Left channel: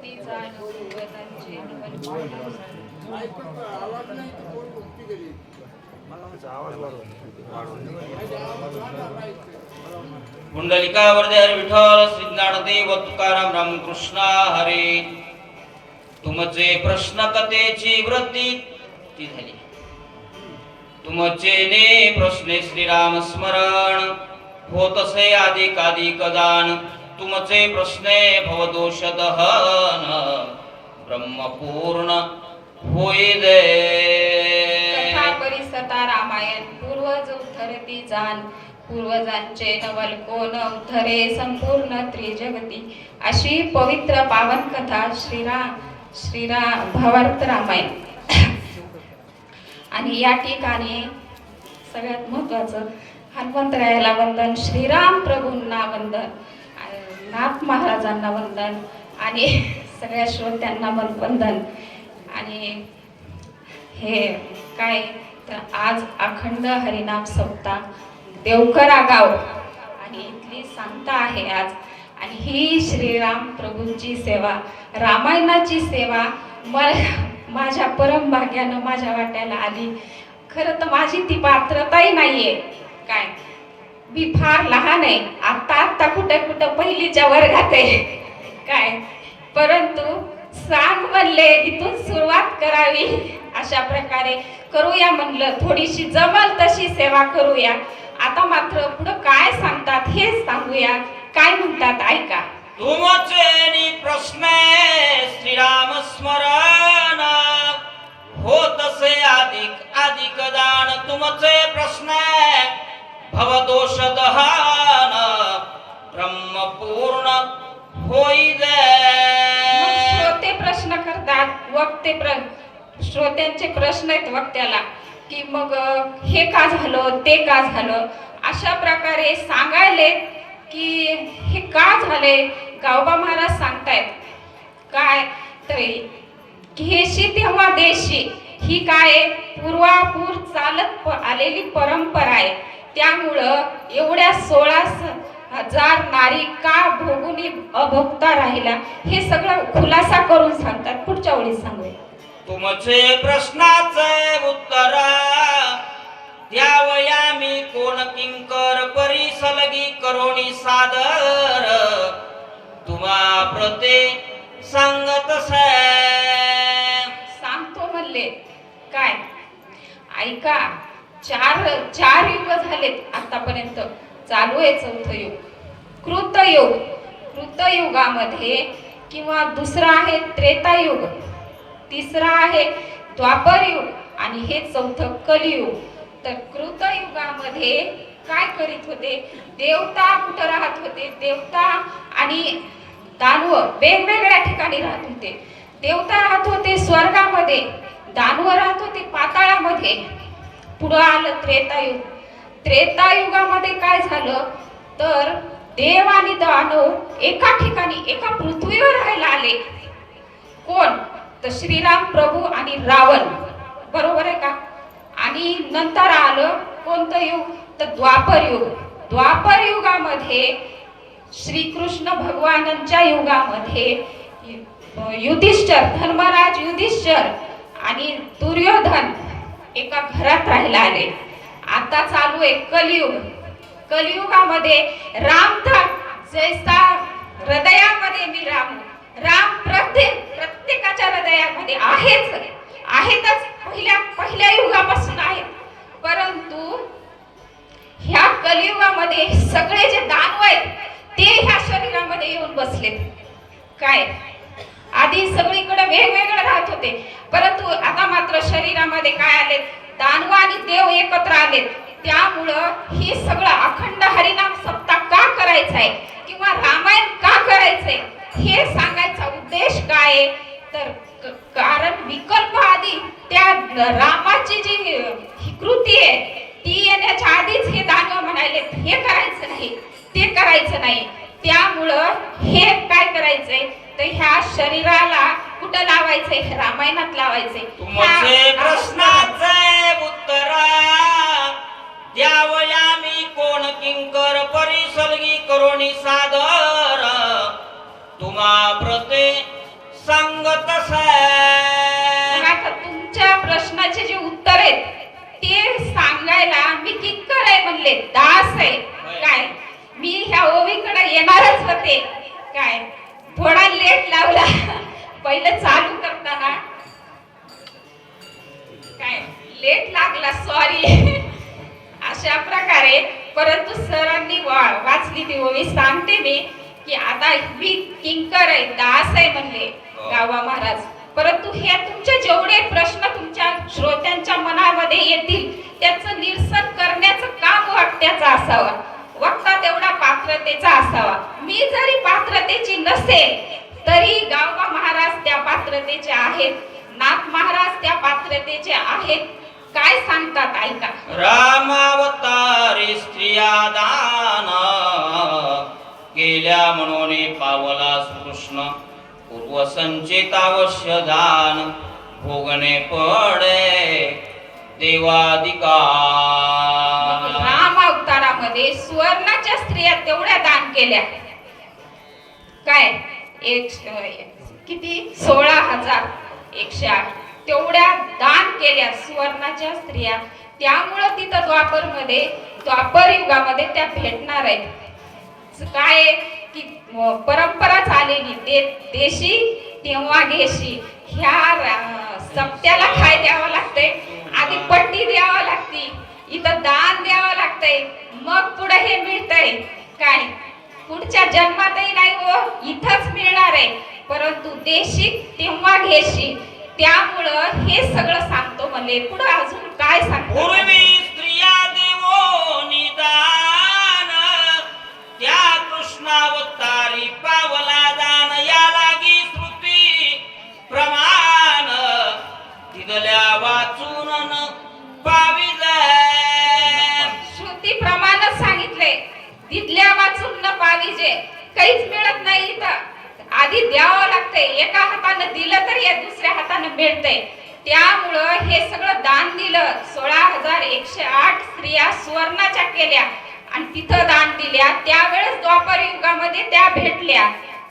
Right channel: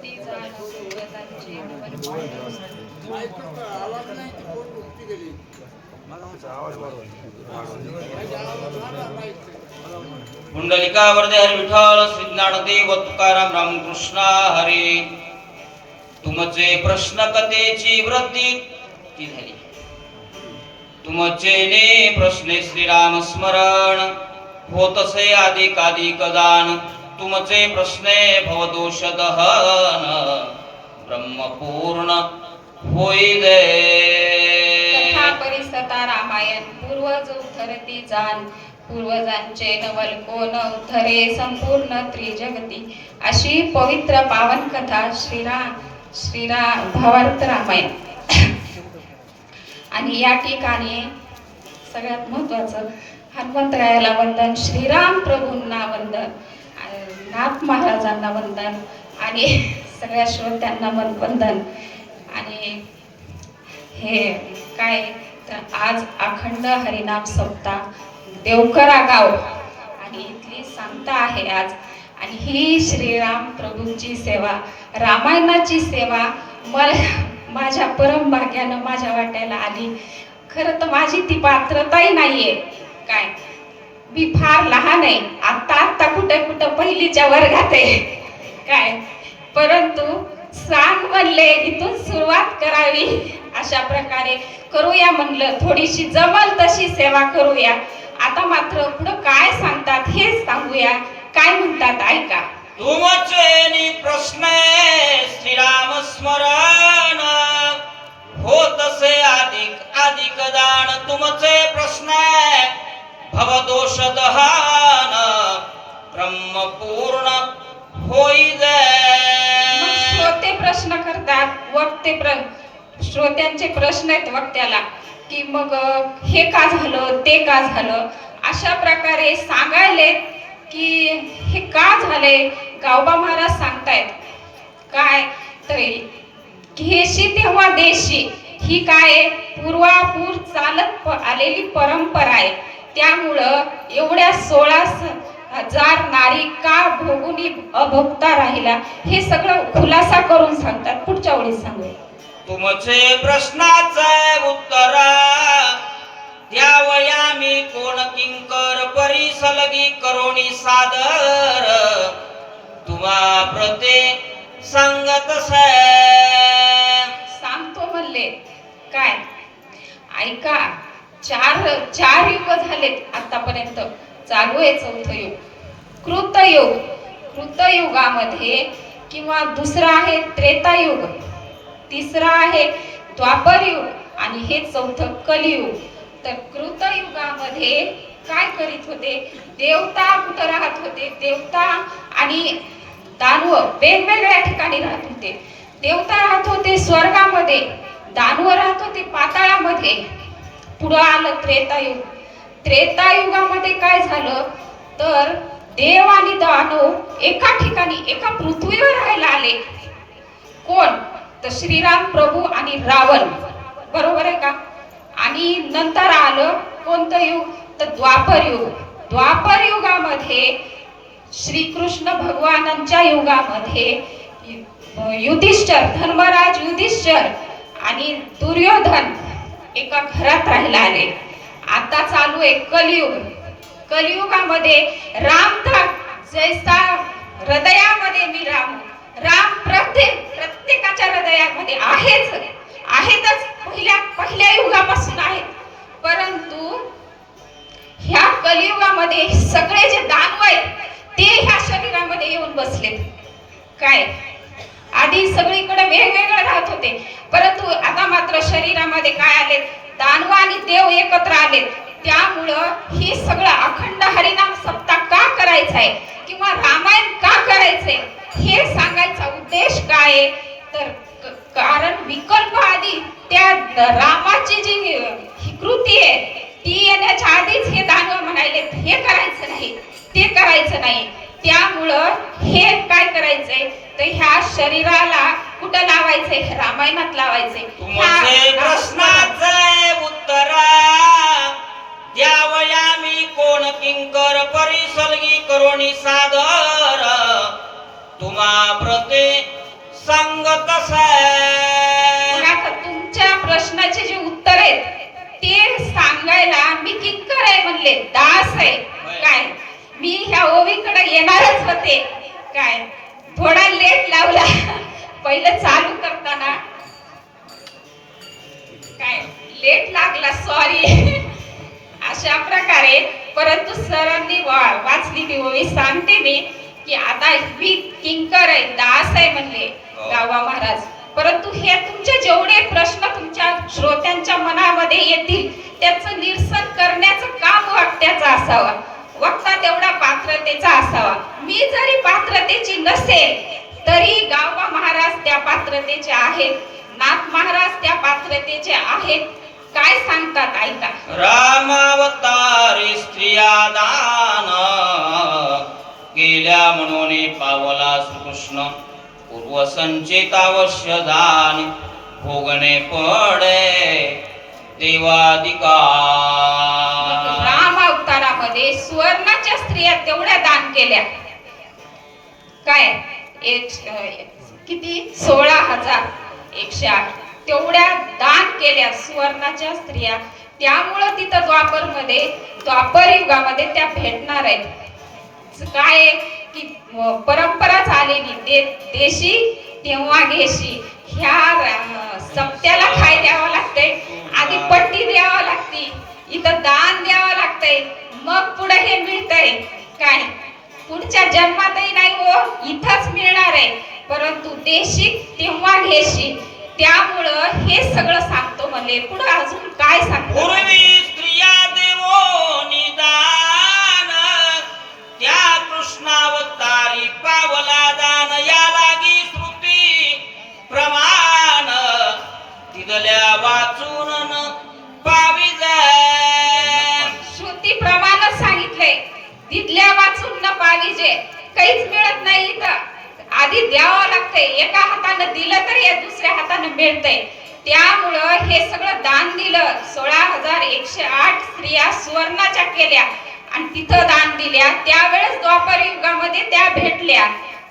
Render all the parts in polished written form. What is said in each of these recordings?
उद्धरती जाण पूर्वजांचे नवल पुंडलिका वरदे हरी विठ्ठल श्री ज्ञानदेव तुकाराम रामकृष्ण हरी. तुमचे प्रश्न कथेची वृत्ती ती झाली. तुमचे ने प्रश्ने श्रीराम स्मरण होतसे अधिक दान. तुमचे प्रश्ने भवदोष दहन ब्रह्मपूर्ण होई दे. कथा परिसता रामायण पूर्वज उद्धरती जाण पूर्वजांचे नवल कोण उद्धरे संपूर्ण त्रिजगती. अशी पवित्र पावन कथा श्रीराम भावार्थ रामायण. आणि या ठिकाणी सगळ्यात महत्वाचं हनुमंतरायाला वंदन, श्रीराम प्रभूंना वंदन, नाथ महाराजांना वंदन आणि सगळ्या श्रोत्यांना वंदन. आणि हे काय तर आज अखंड हरिनाम सप्ताह देवकरा गाव आणि इथली सांगता आहे आज. आणि ही श्रीराम प्रभूंची सेवा, रामायणाची सेवा माझ्या परम भाग्यानं माझ्या वाट्याला आली. खरं तर माझी ती पात्रताही नाहीये. काय मी फार लहान आहे, आता कुठं पहिलीच्या वर्गात आहे काय. परंतु सांग म्हणले इथून सुरुवात करावी, अशा प्रकारे करूया म्हणलं. थोडीशी जमल तशी सेवा करूया. आता मात्र पुढं काय सांगतात हेच सांगूया. काय म्हणतात ऐका. तुमचे प्रश्न श्रीराम स्मरण होतसे अधिक दान. तुमचे प्रश्न भवदोष दहन ब्रह्मपूर्ण होई दे. श्रोते प्रश्न करतात, श्रोत्यांचे प्रश्न आहेत वक्त्याला की मग हे का झालं ते का झालं, अशा प्रकारे सांगायले की हे का झाले. गावबा महाराज सांगतायत काय तरी घेशी तेव्हा देशी, ही काय पूर्वापूर चालत आलेली परंपरा आहे. त्यामुळं एवढ्या 16,000 नारी का भोगुनी अभोगता राहिला हे सगळं खुलासा करून सांगतात. पुढच्या ओळीत सांगूया. तुमचे प्रश्नाचे उत्तर द्यावया मी कोण किंकर परिसलगी करोनी सादर. तुम्हा प्रते सांगत सांगतो म्हणले काय ऐका. चार युग झालेत आतापर्यंत. चालू आहे चौथं युग कृतयुगामध्ये, किंवा दुसरा आहे त्रेतायुग, तिसरा आहे द्वापर युग आणि हे चौथं कलियुग. तर कृतयुगामध्ये काय करीत होते, देवता कुठं राहत होते. देवता आणि दानव वेगवेगळ्या ठिकाणी राहत होते. देवता राहत होते स्वर्गामध्ये, दानव राहत होते पाताळामध्ये. पुढं आलं त्रेतायुग. त्रेतायुगामध्ये काय झालं तर देव आणि दानव एका ठिकाणी एका पृथ्वीवर राहायला आले. कोण तर श्रीराम प्रभू आणि रावण, बरोबर आहे का. आणि नंतर आलं कोणतं युग तर द्वापर युग. द्वापर युगामध्ये श्रीकृष्ण भगवानांच्या युगामध्ये युधिष्ठिर, धर्मराज युधिष्ठिर आणि दुर्योधन एका घरात राहायला आले. आता चालू आहे कलियुग. कलियुगामध्ये राम जैसा हृदयामध्ये मी राम प्रत्येकाच्या हृदयामध्ये आहेतच. पहिल्या युगापासून आहेत. परंतु ह्या कलियुगामध्ये सगळे जे दानव आहेत ते ह्या शरीरामध्ये येऊन बसलेत. काय आधी सगळीकडे वेगवेगळे राहत होते, परंतु आता मात्र शरीरामध्ये काय आले, दानव आणि देव एकत्र आलेत. त्यामुळं हे सगळं अखंड हरिनाम सप्ताह का करायचा आहे किंवा रामायण का करायचंय हे सांगायचा उद्देश काय तर कारण विकल्प आधी त्या रामाची जी ही कृती आहे ती येण्याच्या आधीच हे दानव म्हणाले हे करायचं नाही ते करायचं नाही. त्यामुळं हे काय करायचंय तर ह्या शरीराला कुठं लावायचंय, रामायणात लावायचंय. तुमचे प्रश्नाचे उत्तर द्यावया मी कोण किंकर परिसलगी करोनी सादर. तुम्हा प्रते प्रश्नाचे जे उत्तर आहेत ते सांगायला मी किंकर आहे म्हणले, दास आहे. काय मी ह्या ओवीकडे येणारच होते, काय थोडा लेट लावला पहिलं चालू करताना, काय लेट लागला, सॉरी. अशा प्रकारे परंतु सरांनी वाचली ती ओवी. सांगते मी की आता मी किंकर आहे, दास आहे म्हणले गावा महाराज. परंतु हे तुमचे जेवढे प्रश्न तुमच्या श्रोत्यांच्या मनामध्ये येतील त्याचं निरसन करण्याचं काम वक्त्याचं असावं, वक्ता तेवढा पात्रतेचा असावा. मी जरी पात्रतेची नसेल तरी गावबा महाराज त्या पात्रतेचे आहेत, नाथ महाराज त्या पात्रतेचे आहेत. काय सांगतात ऐका. रामावतारी स्त्रिया दान केल्या म्हणून पावला कृष्ण, पूर्व संचित अवश्य दान भोगणे पडे देवाधिकार. राम अवतारामध्ये सुवर्णाच्या स्त्रिया तेवढ्या दान केल्या, काय किती 16,108 तेवढ्या दान केल्या सुवर्णाच्या स्त्रिया. त्यामुळं तिथं द्वापर युगामध्ये त्या भेटणार आहेत. काय की परंपरा चाललेली देशी तेव्हा घेशी. ह्या सप्त्याला काय द्यावं लागतंय, आधी पट्टी द्यावं लागते, इथं दान द्यावं लागतंय, मग पुढे हे मिळतंय. काय पुढच्या जन्मातही नाही हो, इथंच मिळणार आहे. परंतु देशी तेव्हा घेशी, त्यामुळं हे सगळं सांगतो म्हणले. पुढे अजून काय सांगतो. पूर्वी स्त्रिया देवो निदान, त्या कृष्णावतारी पावला दान, या लागी श्रुती प्रमाण तिथल्या वाचून पावी जाय. श्रुती प्रमाणच सांगितलंय, तिथल्या वाचून न पाविजे. काहीच मिळत नाही इथं, आधी द्यावं लागतंय. एका हातानं दिलं तर या दुसऱ्या हातानं मिळतंय. त्यामुळं हे सगळं दान दिलं. 16,108 स्त्रिया सुवर्णाच्या केल्या आणि तिथं दान दिल्या. त्यावेळेस द्वापर युगामध्ये त्या भेटल्या.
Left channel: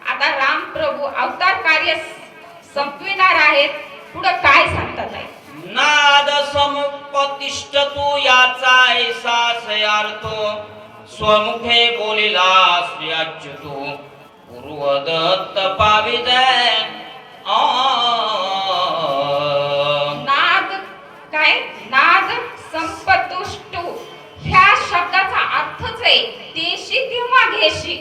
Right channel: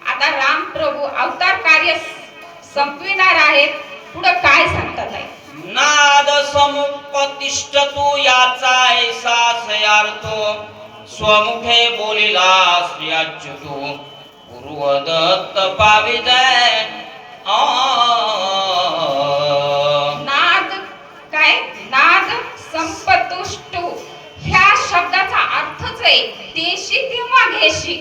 आता राम प्रभू अवतार कार्य संपविणार आहेत. पुढे काय सांगतात आहे. नाद समुपतिष्ठतु याचा ऐसाच अर्थ, स्वमुखे बोलिला श्रीअच्युतू, पूर्वदत्त पाविजय. नाद काय, नाद संपतुष्टू ह्या शब्दाचा अर्थच आहे देशी किंवा घेशी.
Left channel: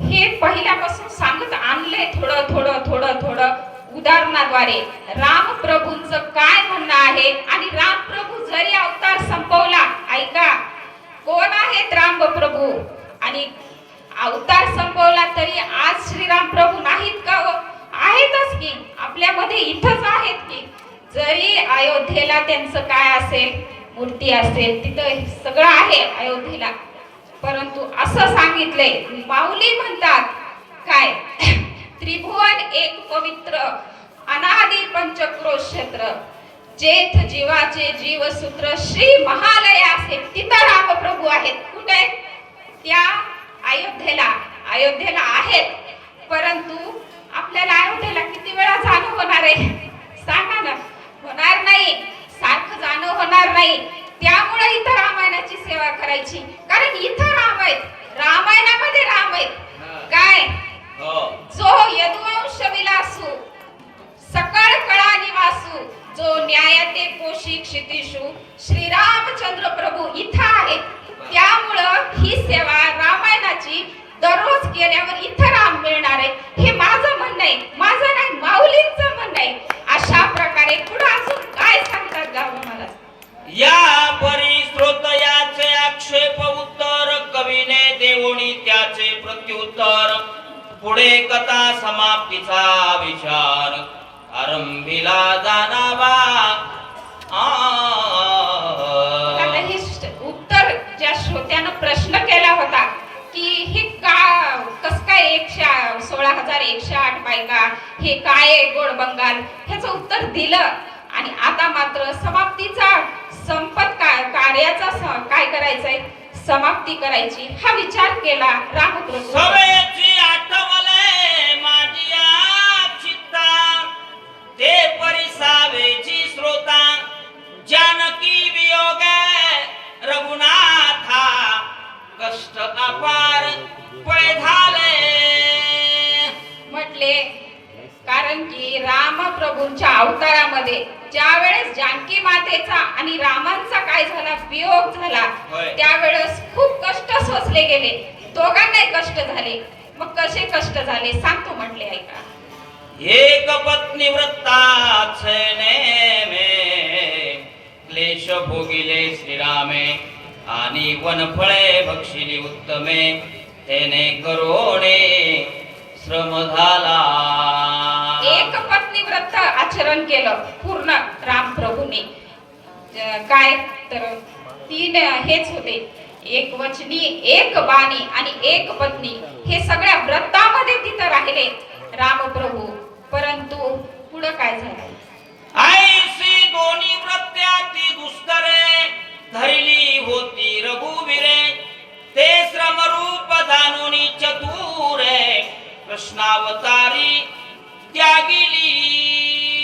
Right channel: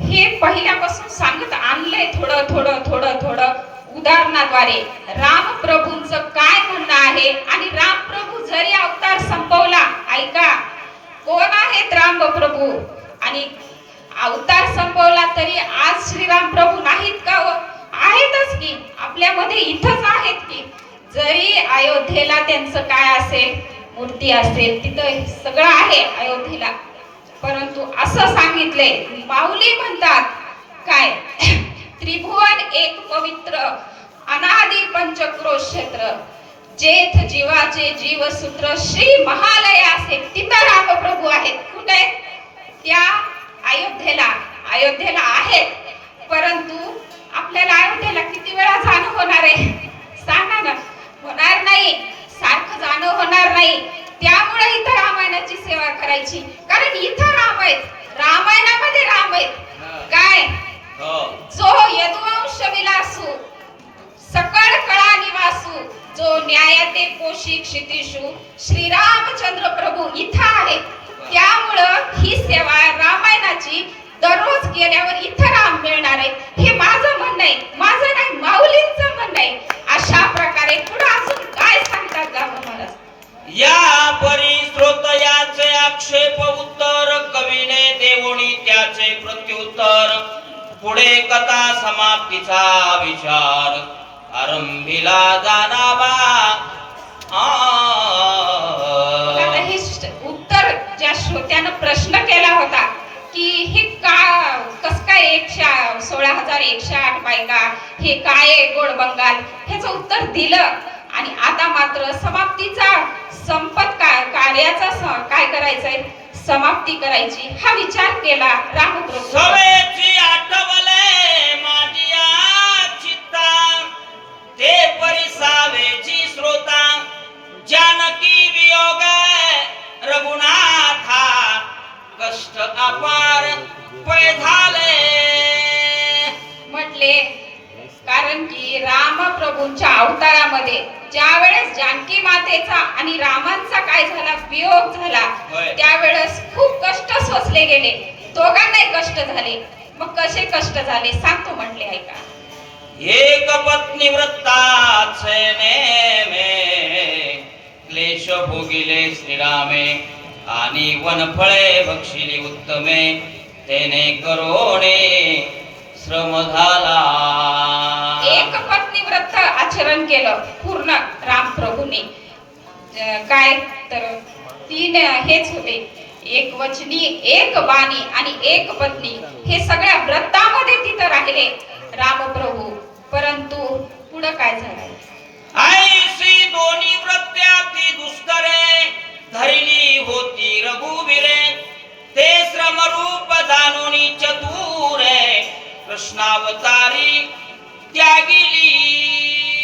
हे पहिल्यापासून सांगत आणलंय थोडं थोडं थोडं थोडं उदाहरणाद्वारे. राम प्रभूंचं काय म्हणणं आहे. आणि राम प्रभू जरी अवतार संपवला, ऐका कोण आहेत राम प्रभू, आणि अवतार संपवला तरी आज श्रीराम प्रभू नाहीत का हो? आहेतच की, आपल्यामध्ये इथंच आहेत की. जरी अयोध्येला त्यांचं काय असेल, मूर्ती असेल, तिथं सगळं आहे अयोध्येला. परंतु असं सांगितलंय, माऊली म्हणतात काय, त्रिभुवन एक पवित्र अनादि पंचक्रोश क्षेत्र, जेथ जीवाचे जीवसूत्र श्री महालयासे. तिथं रामप्रभू आहेत. कुठे? त्या अयोध्येला आहेत. परंतु आपल्याला अयोध्येला किती वेळा जाणं होणार आहे सांगा ना. होणार नाही, सारखं जाणं होणार नाही. त्यामुळे इथं रामायणाची सेवा करायची, कारण इथं राम आहेत, रामायणामध्ये राम आहेत. काय जो यदुवंश विलासू, सकळ कळा निवासू, जो न्यायाते पोषी क्षितिषू, श्रीरामचंद्र प्रभू इथं आहेत. त्यामुळं ही सेवा रामायणाची दररोज केल्यावर इथं राम मिळणार आहे. हे माझं म्हणणं आहे, माझं नाही, माऊलींचं म्हणणं आहे. अशा प्रकारे पुढे अजून काय सांगतात गाव महाराज. या परी स्रोत याचे आक्षेप उत्तर, कवीने देवणी त्याचे प्रत्युत्तर. पुढे कथा समाप्तीचा विचार आरंभीला जाणावा. हे उत्तर ज्या श्रोत्यानं प्रश्न केला होता की हे कस काय 16,108 बायका, हे काय गोड बंगाल, ह्याचं उत्तर दिलं. आणि आता मात्र समाप्तीचा कार्याचा काय करायचंय, समाप्ती करायची हा विचार केला रामप्रभू. सवेची आठवले माझी चित्ता, ते परिसावेची श्रोता, पै झाले. म्हटले कारण की रामप्रभूंच्या अवतारामध्ये ज्या वेळेस जानकी मातेचा आणि रामांचा काय झाला वियोग झाला होय. त्यावेळेस खूप कष्ट सोसले गेले. दोघांनाही कष्ट झाले. मग कसे कष्ट झाले सांगतो म्हटले ऐका. एक पत्नी वृत्ताचे नेमे क्लेश भोगिले श्रीरामे आणि वनफळे भक्षिली उत्तमे तेने करोणे श्रम झाला. एक पत्नी व्रत आचरण केलं पूर्ण रामप्रभूने. काय तर तीन हेच होते, एक वचनी, एक बाणी आणि एक पत्नी. हे सगळ्या व्रतामध्ये तिथं राहिले रामप्रभू. परंतु पुढं काय झालं? ऐसी दोन्ही व्रत्याती दुष्करे धरिली होती रघुवीरे ते श्रमरूप जाणूनी चतुरे कृष्णावतारी त्यागिली.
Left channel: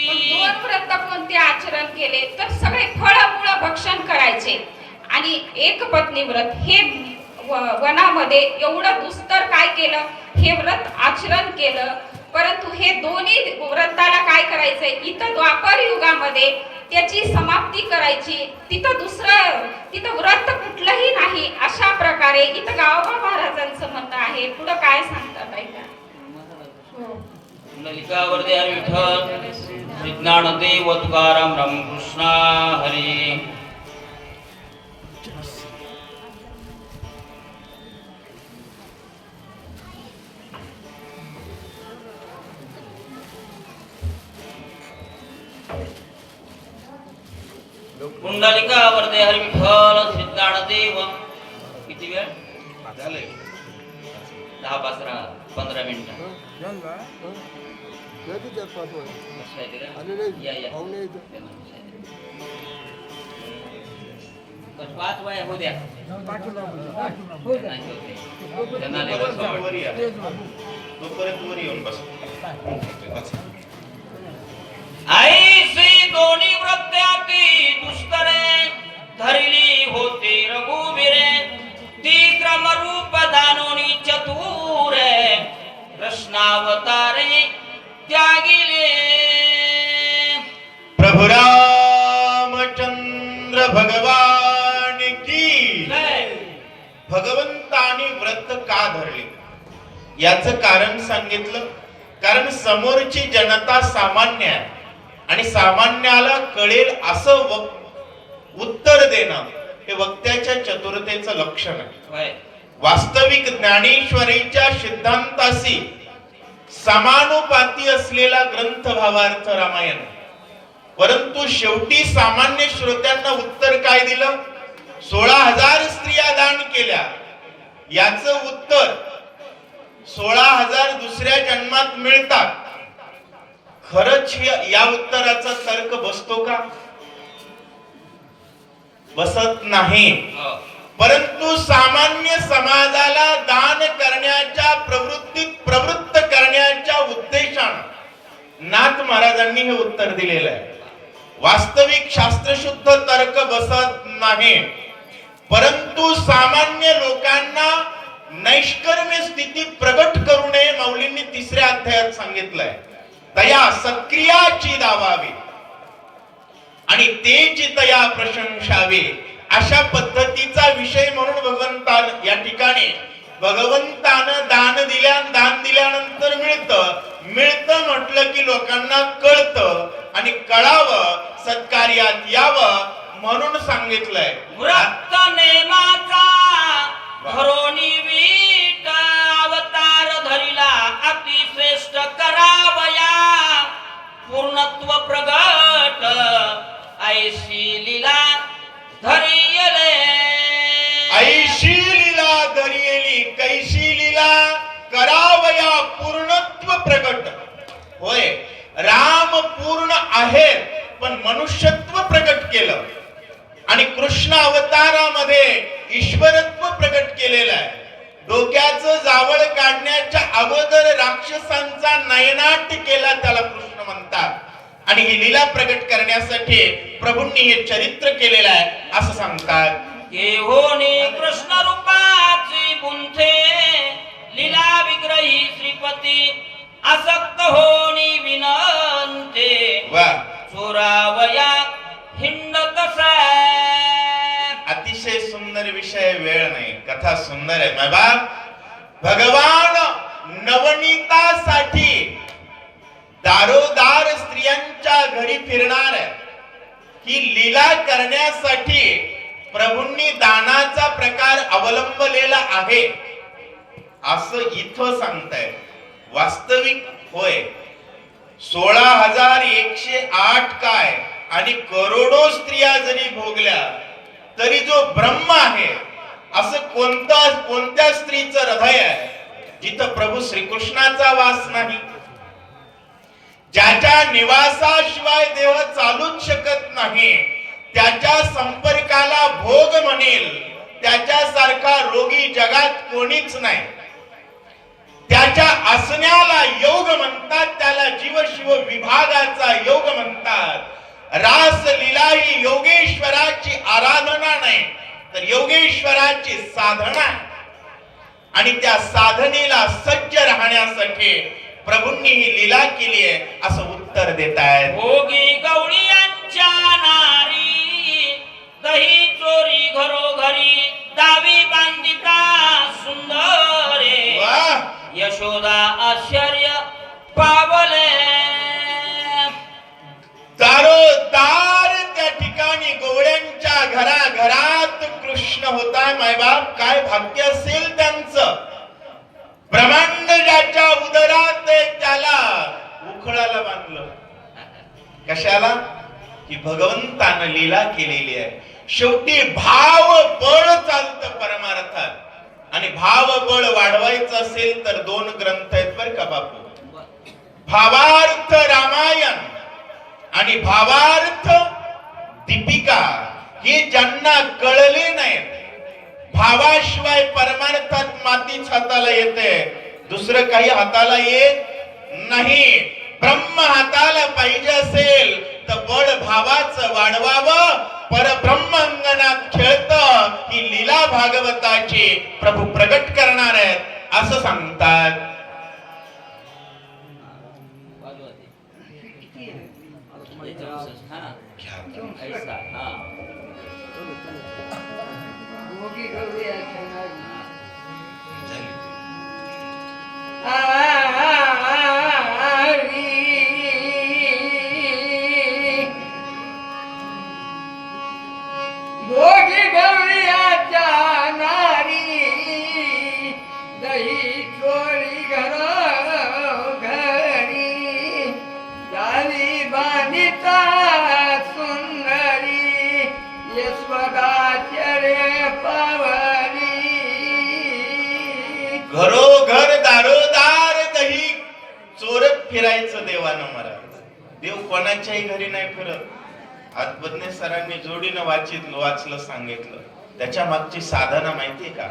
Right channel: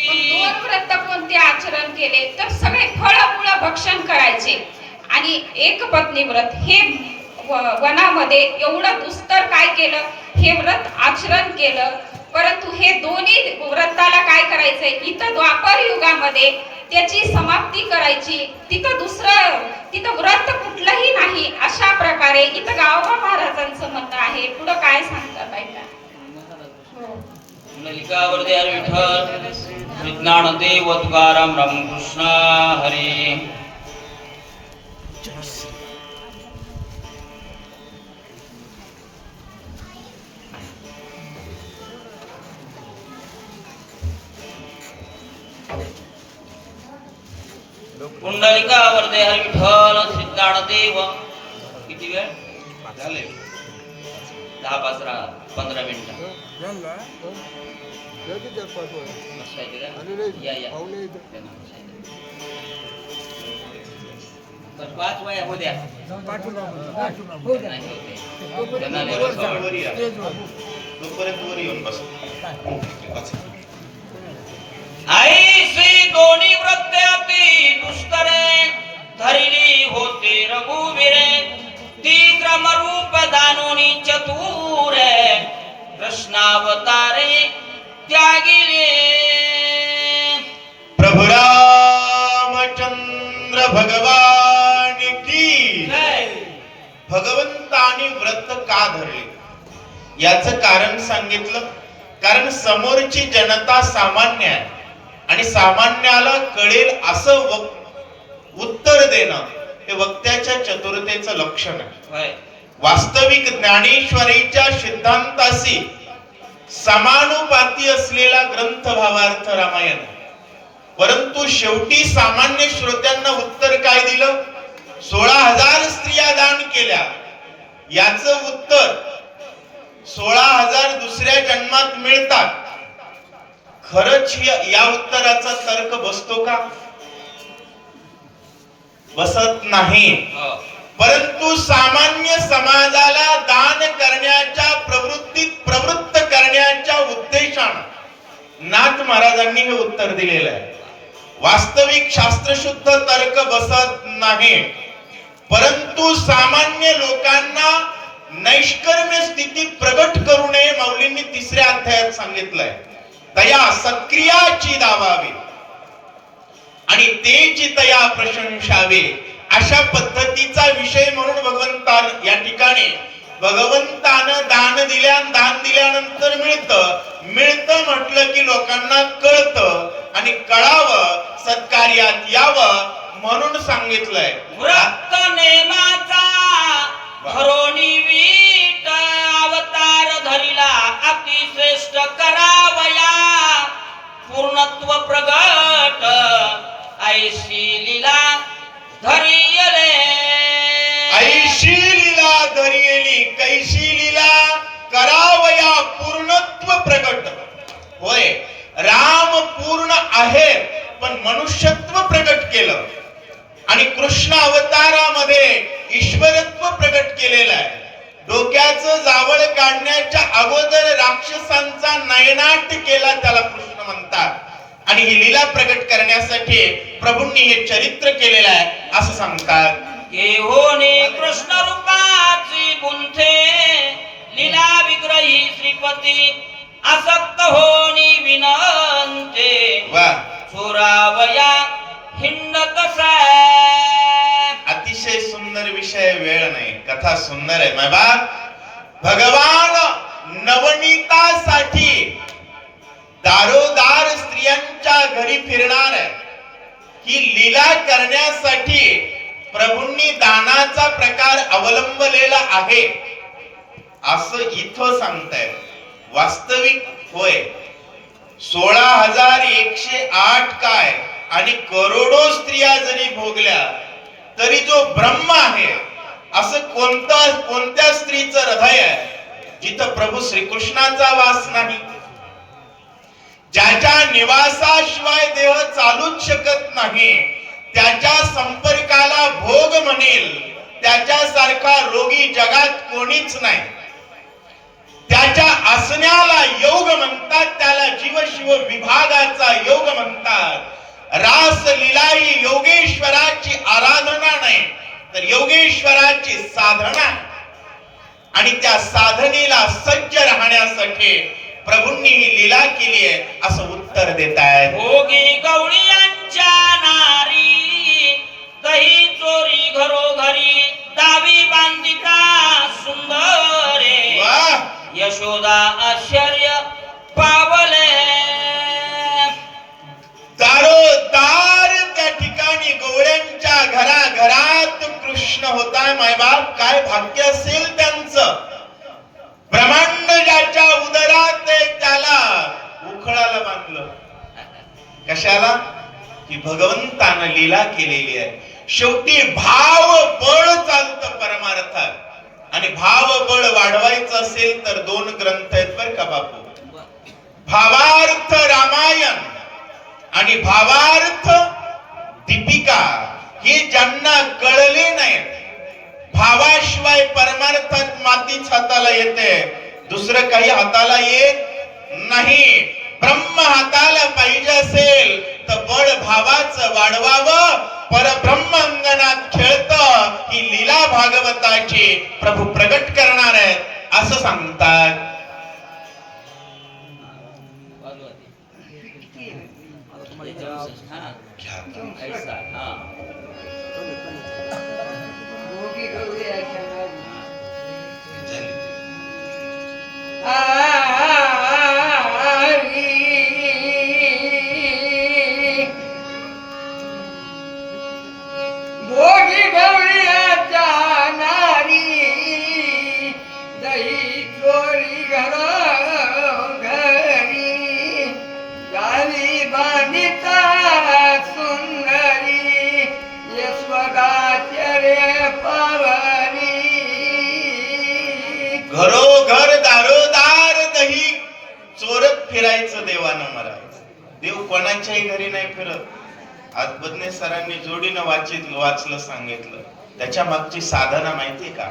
मग दोन व्रत कोणते आचरण केले तर सगळे फळमूळ भक्षण करायचे. आणि एक पत्नी व्रत हे वनामध्ये एवढं दुस्तर काय केलं, हे व्रत आचरण केलं. परंतु हे दोन्ही व्रताला काय करायचंय, इथं द्वापर युगामध्ये त्याची समाप्ती करायची. तिथं व्रत कुठलंही नाही. अशा प्रकारे इथं गावबा महाराजांचं म्हणणं आहे. पुढं काय सांगतात ऐका. हो. ललिकावरती हरी विठ्ठल श्री ज्ञानदेव तुकाराम रामकृष्ण हरी. कुंडलिकावरती हरी विठ्ठल श्री ज्ञानदेव. किती वेळ झाले? 10-15 मिनिटं. या बस 5 वया हो द्या. नाही होते त्यांना लय बसवा वाटतं. तोपर्यंत वर येऊन बस. ऐसी दोन्ही व्रत्याती दुष्करे धरिली होती रघुवीरे ती क्रमरूप दानोनी चतुरे कृष्णावतारे त्यागिले. प्रभु रामचंद्र भगवान की जय. भगवंतानी व्रत का धरले याचं कारण सांगितलं. कारण समोरची जनता सामान्य आहे आणि सामान्याला कळेल असं उत्तर देणं हे वक्त्याच्या चतुरतेचं लक्षण आहे. होय. वास्तविक ज्ञानेश्वरीच्या सिद्धांताशी समानुपाती असलेला ग्रंथ भावार्थ रामायण. परंतु शेवटी सामान्य श्रोत्यांना उत्तर काय दिलं? 16,000 स्त्रिया दान केल्या. याचं उत्तर 16,000 दुसऱ्या जन्मात मिळतात. खरंच या उत्तराचा तर्क बसतो का? बसत नाही. हो. परंतु सामान्य समाजाला दान करण्याच्या प्रवृत्तीत प्रवृत्त करण्याच्या उद्देशानं नाथ महाराजांनी हे उत्तर दिलेलं आहे. वास्तविक शास्त्रशुद्ध तर्क बसत नाही. परंतु सामान्य लोकांना नैष्कर्म्य स्थिती प्रगट करू नये माऊलींनी 3ऱ्या अध्यायात सांगितलंय. तया सक्रियाची दावावी आणि तेची तया प्रशंसावे अशा पद्धतीचा विषय म्हणून भगवंतान या ठिकाणी भगवंतानं दान दिल्यानंतर मिळतं म्हटलं की लोकांना कळतं आणि कळावं, सत्कार्यात यावं म्हणून सांगितलंय. व्रत नेमाचा धरोणी वीट अवतार धरिला अतिश्रेष्ठ करावया पूर्णत्व प्रगट ऐशी लीला धरियले. ऐशी लीला धरियली कैशी लीला करावया पूर्णत्व प्रगट. होय, राम पूर्ण आहे पण मनुष्यत्व प्रगट केलं आणि कृष्ण अवतारामध्ये ईश्वरत्व प्रगट केलेलं आहे. डोक्याचं जावळ काढण्याच्या अगोदर राक्षसांचा नयनाट केला त्याला कृष्ण म्हणतात. आणि ही लीला प्रगट करण्यासाठी प्रभूंनी हे चरित्र केलेलं आहे असं सांगतात. येहोनी कृष्ण रूपाची गुंथे ही श्रीपती आसक्त होनी विनंते वा, चोरावया हिंडत तसा. अतिशय सुंदर विषय. वेळ नाही, कथा सुंदर आहे माय बाप. भगवान नवनीतासाठी दारोदार स्त्रियांच्या घरी फिरणार आहे. ही लीला करण्यासाठी प्रभूंनी दानाचा प्रकार अवलंबलेला आहे असं इथं सांगताय. वास्तविक होय, 16,108 काय आणि करोडो स्त्रिया जरी भोगल्या तरी जो ब्रह्म आहे असं कोणत्या स्त्रीचं हृदय आहे जिथं प्रभू श्रीकृष्णाचा वास नाही, ज्याच्या निवासाशिवाय देह चालूच शकत नाही, त्याच्या संपर्काला भोग म्हणेल त्याच्यासारखा रोगी जगात कोणीच नाही. त्याच्या असण्याला योग म्हणतात, त्याला जीव शिव विभागाचा योग म्हणतात. रास लीला ही योगेश्वराची आराधना नाही तर योगेश्वराची साधना, आणि त्या साधनेला सज्ज राहण्यासाठी प्रभूंनी ही लीला केली आहे असं उत्तर देत आहेत. भोगी गवळीयांच्या नारी दही चोरी घरोघरी दावी बांधिता सुंदरे. वाह, यशोदा आश्चर्य पावले. दारोदार त्या ठिकाणी गवळ्यांच्या घराघरात कृष्ण होता. मायबाप, काय भाग्य असेल त्यांचं. ब्रह्मांड ज्याच्या उदरात आहे त्याला उखळाला बांधलं. कशाला? की भगवंतानं लीला केलेली आहे. शेवटी भाव बळ चालतं परमार्थात, आणि भाव बळ वाढवायचं असेल तर 2 ग्रंथ आहेत बर का बापू. भावार्थ रामायण आणि भावार्थ दीपिका. हे ज्यांना कळले नाही, भावाशिवाय परमार्थात मातीच हाताला येते, दुसरं काही हाताला येत नाही. ब्रह्म हाताला पाहिजे असेल तर बळ भावाचं वाढवावं. परब्रह्म अंगणात खेळत ही लीला भागवताची प्रभू प्रगट करणार आहेत असं सांगतात. भोगी गवळीच्या नारी दही चोरी घरी गावी बांधिता सुंदरी यशोदाचर्य पावली. घरोघर दारोदार दही चोरत फिरायचं देवानं मला. देव कोणाच्याही घरी नाही फिरत. आज बदने सरांनी जोडीनं वाचलं सांगितलं. त्याच्या मागची साधना माहितीये का?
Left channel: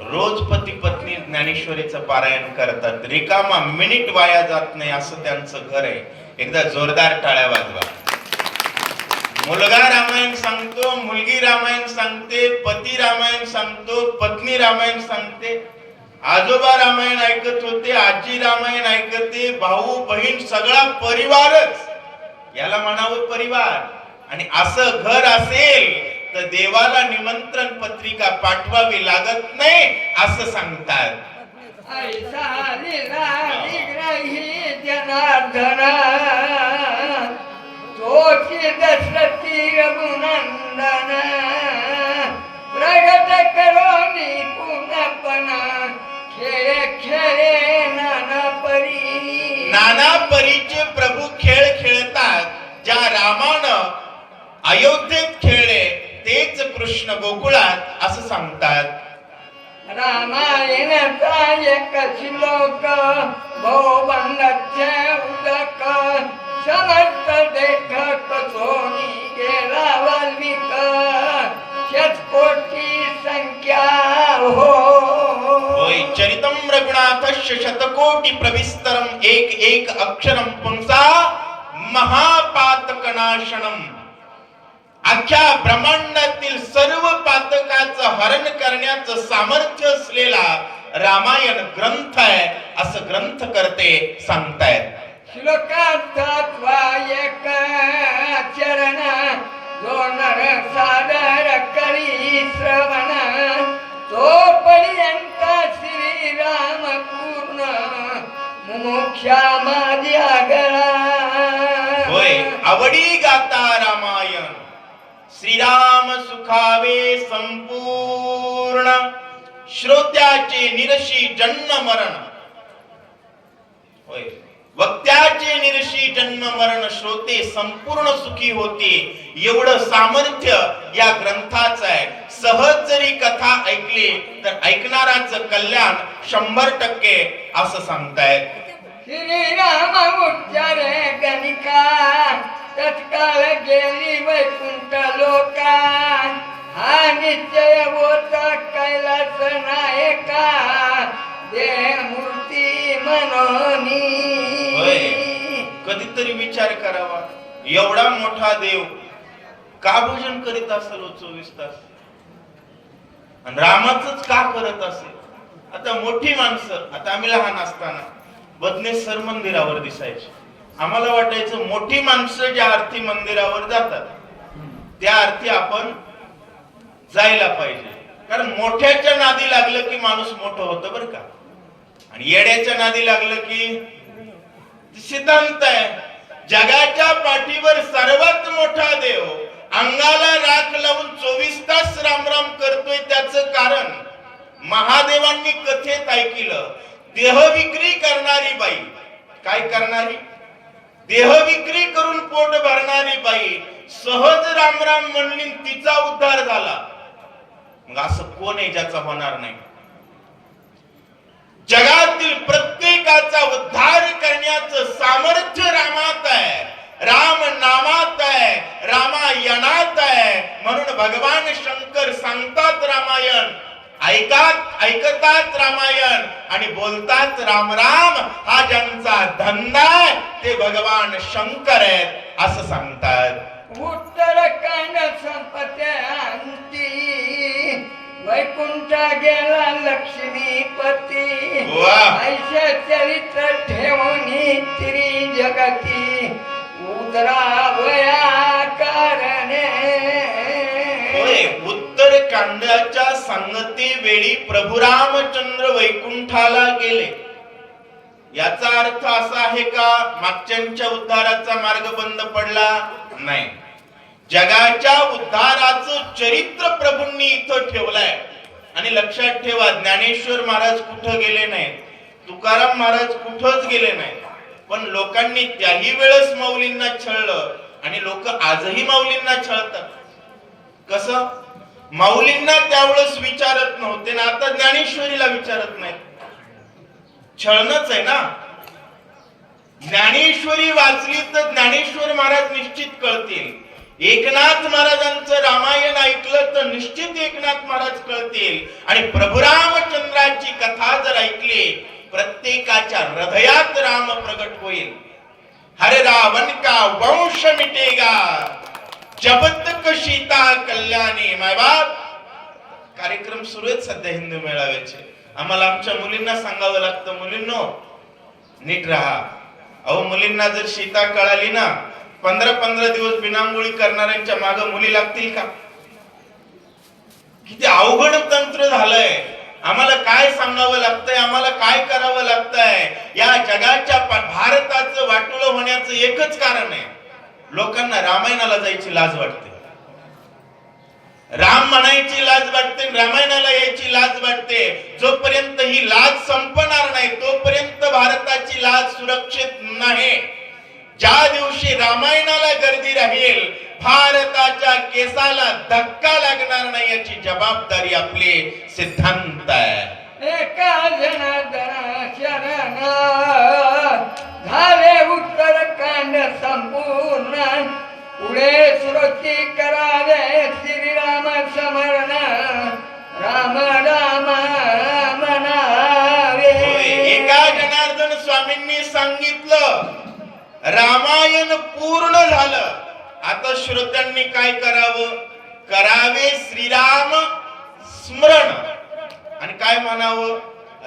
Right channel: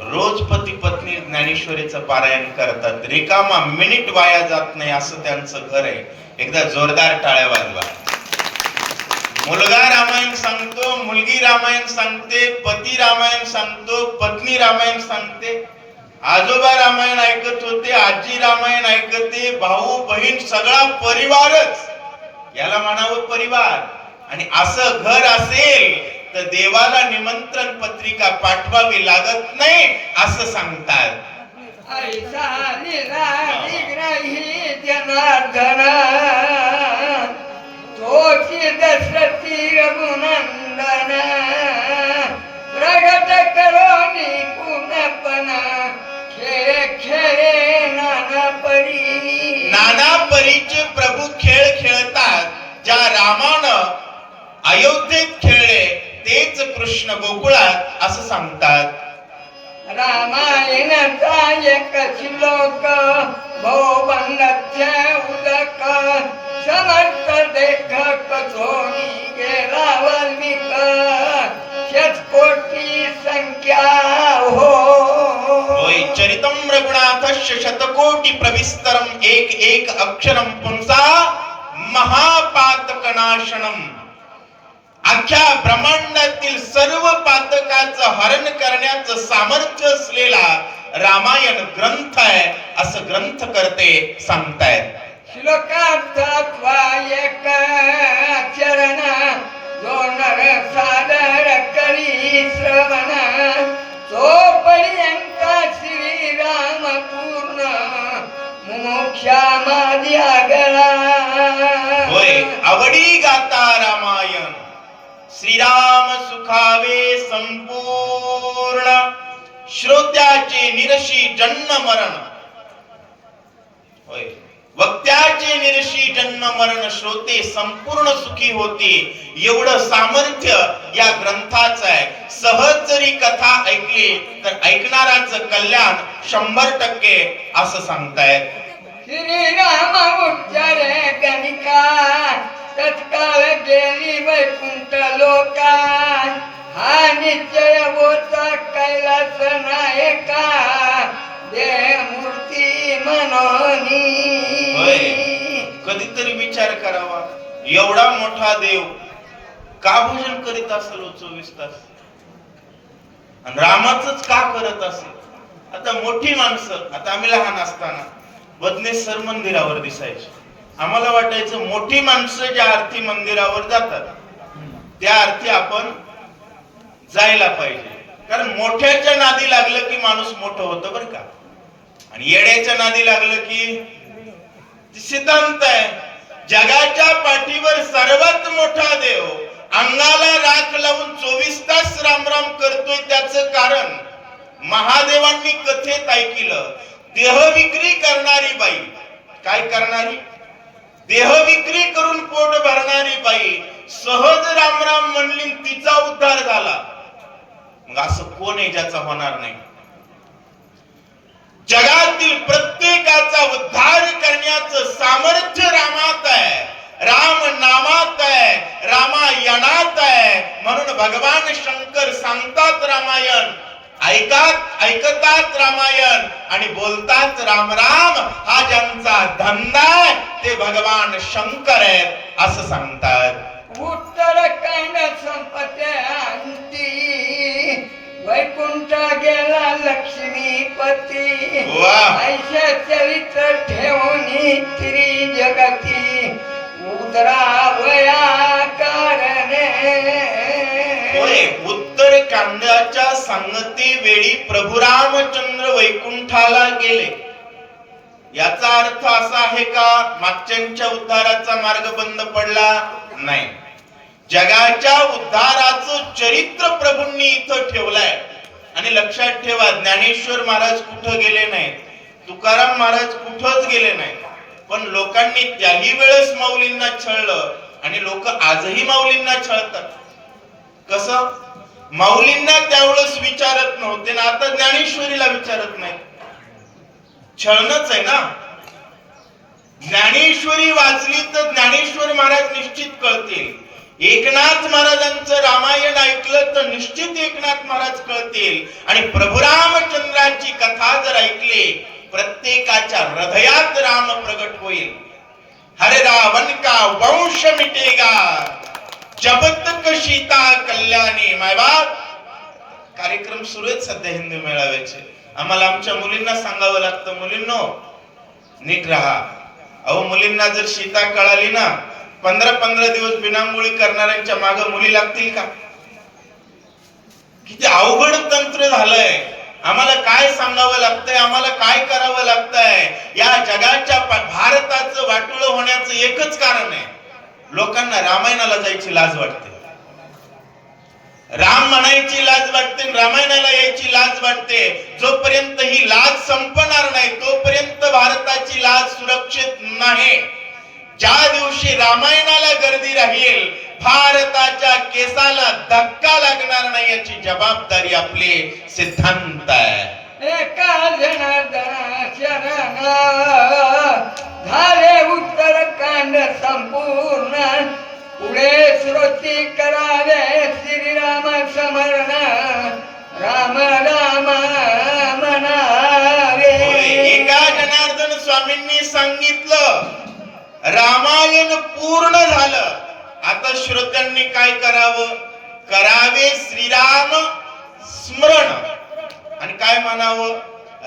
रोज पती पत्नी ज्ञानेश्वरीचं पारायण करतात. रिकामा मिनिट वाया जात नाही असं त्यांचं घर आहे. एकदा जोरदार टाळ्या वाजवा. मुलगा रामायण सांगतो, मुलगी रामायण सांगते, पती रामायण सांगतो, पत्नी रामायण सांगते, आजोबा रामायण ऐकत होते, आजी रामायण ऐकते, भाऊ बहीण सगळा परिवारच, याला म्हणावं परिवार. आणि असं घर असेल तर देवाला निमंत्रण पत्रिका पाठवावी लागत नाही असं सांगतात. ऐसा लीला विग्रही जनार्दन तोची दशरथी रघुनंदन प्रगट करोनी पुनपना खेळ खेळे नाना परी. नाना परीचे प्रभू खेळ खेळतात. ज्या रामानं अयोध्येत खेळले तेच कृष्ण गोकुळात असं सांगतात. रामायणाचा एक श्लोक भवबंधाचे उदक समर्थ देख कथोनी गेला वाल्मिक शतकोटी संख्या हो. होय, चरितम रघुनाथस्य शतकोटी प्रविस्तरम एक एक अक्षरम पुंसा महापातकनाशनम. अख्ख्या ब्रह्मांडातील सर्व पातकाचं हरण करण्याचं सामर्थ्य असलेला रामायण ग्रंथ आहे असं ग्रंथ करते सांगतायत. श्लोकार्थात्वा एक चरण दोन सादर करी श्रवण तोपर्यंत श्रीराम पूर्ण मुमुक्षा माझ्या गळा. होय, आवडी गाता रामायण श्रीराम सुखावे संपूर्ण श्रोत्याचे निरशी जन्म मरण. होय, वक्त्याचे निरशी जन्म मरण श्रोते संपूर्ण सुखी होते. एवढं सामर्थ्य या ग्रंथाचं आहे. सहज जरी कथा ऐकली तर ऐकणाराचं कल्याण 100% असं सांगतायत. श्रीराम उच्चारे गणिका तत्काळ गेली वैकुंठ लोका. हा निश्चय होता कैलास नायका देह मूर्ती मनोनी. होय, कधीतरी विचार करावा, एवढा मोठा देव का भजन करीत असेल 24 तास आणि रामाचंच का करत असेल. आता मोठी माणसं, आता आम्ही लहान असताना बदनेश्वर मंदिरावर दिसायचे. आम्हाला वाटायचं मोठी माणसं ज्या आरती मंदिरावर जातात त्या आरती आपण जायला पाहिजे, कारण मोठ्याच्या नादी लागलं की माणूस मोठं होतं बरं का, आणि येड्याच्या नादी लागलं की सिद्धांत आहे. जगाच्या पाठीवर सर्वात मोठा देव अंगाला राख लावून 24 तास रामराम करतोय. त्याचं कारण महादेवांनी कथेत ऐकलं, देह विक्री करणारी बाई, काय करणारी, देह विक्री करून पोट भरणारी बाई सहज रामराम म्हणली, तिचा उद्धार झाला. मग असं कोण आहे ज्याचा होणार नाही. जगातील प्रत्येकाचा उद्धार करण्याचं सामर्थ्य रामात आहे, राम नामात आहे, रामायणात आहे. म्हणून भगवान शंकर सांगतात रामायण, ऐकतात रामायण आणि बोलतात राम राम. हा ज्यांचा धंदा आहे ते भगवान शंकर आहेत असं सांगतात. उत्तरकांड संपत्या अंती वैकुंठ गेला लक्ष्मीपती. वाह. ऐशे चरित्र ठेवणी त्री जगती उदरावया कारणे. होय, उत्तरकांडाच्या संगती वेळी प्रभू रामचंद्र वैकुंठाला गेले. याचा अर्थ असा आहे का मागच्यांच्या उद्धाराचा मार्ग बंद पडला? नाही. जगाच्या उद्धाराचं चरित्र प्रभूंनी इथं ठेवलंय. आणि लक्षात ठेवा, ज्ञानेश्वर महाराज कुठं गेले नाहीत, तुकाराम महाराज कुठंच गेले नाहीत, पण लोकांनी त्याही वेळेस माऊलींना छळलं आणि लोक आजही माऊलींना छळतात. कसं? माऊलींना त्यावेळेस विचारत नव्हते ना आता ज्ञानेश्वरीला विचारत नाहीत. छळणच आहे ना. ज्ञानेश्वरी वाचली तर ज्ञानेश्वर महाराज निश्चित कळतील. एकनाथ महाराजांचं रामायण ऐकलं तर निश्चित एकनाथ महाराज कळतील. आणि प्रभू रामचंद्राची कथा जर ऐकली, प्रत्येकाच्या हृदयात राम प्रगट होईल. हरे रावण का वंश मिटेगा जब तक सीता कल्याणी. मायबाप, कार्यक्रम सुरू आहेत सध्या हिंदू मेळाव्याचे. आम्हाला आमच्या मुलींना सांगावं लागतं, मुलींनो नीट राहा. अहो, मुलींना जर सीता कळाली ना, 15-15 दिवस बिनामुळी करणाऱ्यांच्या मागे मुली लागतील का? किती अवघड तंत्र झालंय. आम्हाला काय सांगावं लागतंय, आम्हाला काय करावं लागतंय. या जगाच्या भारताचं वाटोळं होण्याचं एकच कारण आहे, लोकांना रामायणाला जायची लाज वाटते. राम म्हणायची लाज वाटते, रामायणाला यायची लाज वाटते. जोपर्यंत ही लाज संपणार नाही तोपर्यंत भारताची लाज सुरक्षित नाही. ज्या दिवशी रामायणाला गर्दी राहील, भारताच्या केसाला धक्का लागणार नाही याची जबाबदारी आपले सिद्धांत आहे. एका जनार्दन शरण झाले उत्तरकांड संपूर्ण. पुढे श्रोती करावे श्रीराम स्मरण. राम राम म्हणावे. एका जनार्दन स्वामींनी सांगितलं रामायण पूर्ण झालं. आता श्रोत्यांनी काय करावं? करावे श्रीराम स्मरण. आणि काय म्हणावं?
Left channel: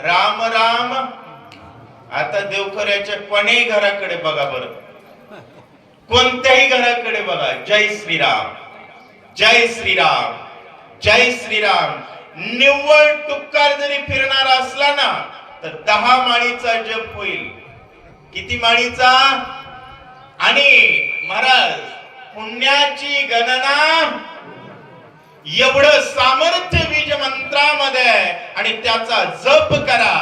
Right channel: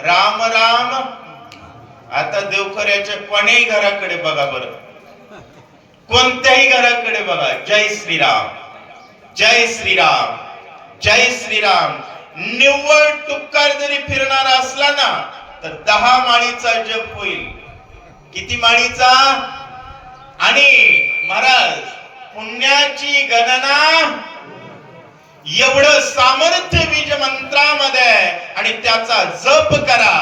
राम राम. आता देवखऱ्याच्या कोणत्याही घराकडे बघा बरं, कोणत्याही घराकडे बघा, जय श्रीराम, जय श्रीराम, जय श्रीराम. निव्वळ तुक्कार जरी फिरणारा असला ना तर 10 माळीचा जप होईल. किती माळीचा? आणि महाराज पुण्याची गणना एवढं सामर्थ्य बीज मंत्रामध्ये आहे आणि त्याचा जप करा.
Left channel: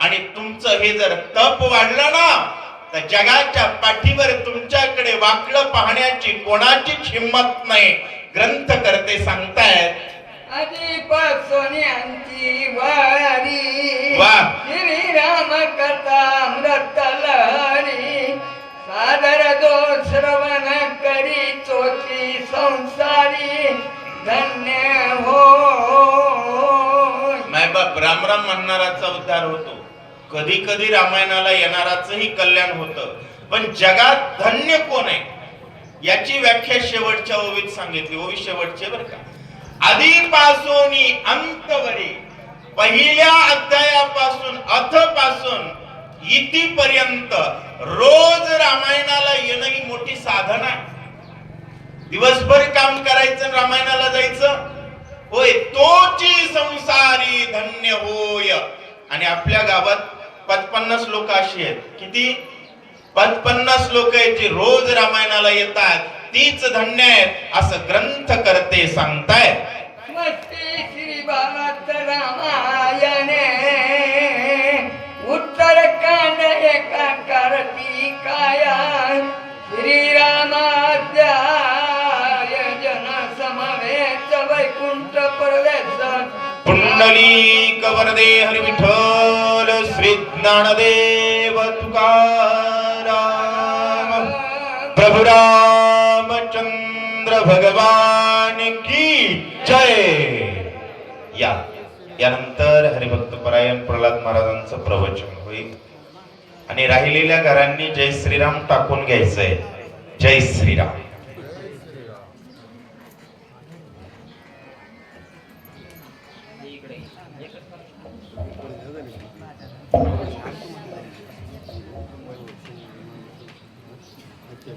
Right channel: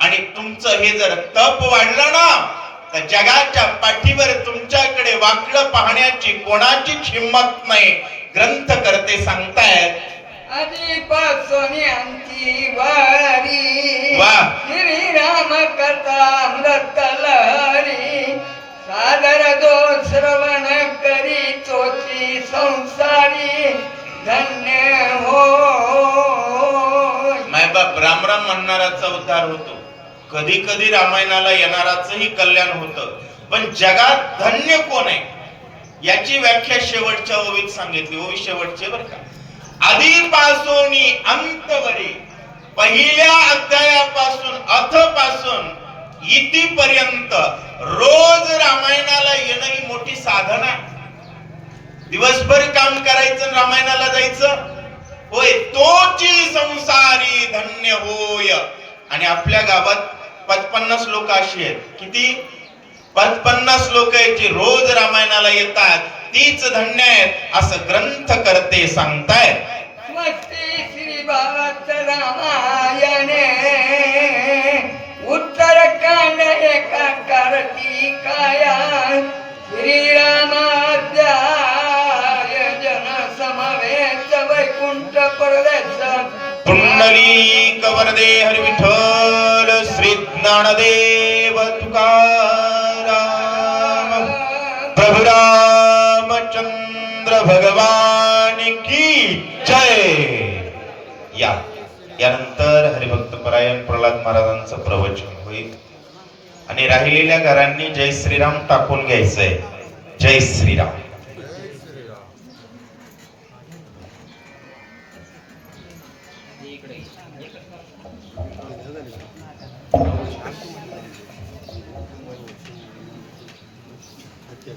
आणि तुमचं हे जर तप वाढलं ना तर जगाच्या पाठीवर तुमच्याकडे वाकडं पाहण्याची कोणाचीच हिंमत नाही. ग्रंथ करते सांगतायत आधीपासून अंती वारी वा. श्रीराम कथा अमृत लहरी सादर दो श्रवण करी चोची संसारी धन्य हो. मायबाप राम राम म्हणणाराचा उद्धार होतो, कधी कधी रामायणाला येणाराचंही कल्याण होतं. पण जगात धन्य कोण आहे याची व्याख्या शेवटच्या ओवीत सांगितली. ओवी शेवटचे बरं का. आधीपासून अंतवरी, पहिल्या अध्यायापासून अथ पासून इतिपर्यंत रोज रामायणाला येणं ही मोठी साधना आहे. दिवसभर काम करायचं आणि रामायणाला जायचं होय. तोची संसारी धन्य होय. आणि आपल्या गावात 55 लोक अशी आहेत. किती? 55 लोक आहेत जे रोज रामायणाला येतात. तीच धन्य आहेत असं ग्रंथ करते सांगतायत. मस्ती श्री भारत रामायणे उत्तरकांड एका कारती काया श्रीरामाध्याय जन समवेत वैकुंठ प्रदेश पुंडलिक वरदे हरी विठ्ठल श्री ज्ञानदेव तुकाराम प्रभु रामचंद्र भगवान की जय. यानंतर हरिभक्त परायण प्रल्हाद महाराजांचं प्रवचन होईल आणि राहिलेल्या घरांनी जय श्रीराम टाकून घ्यायचंय. जय श्रीराम. Okay.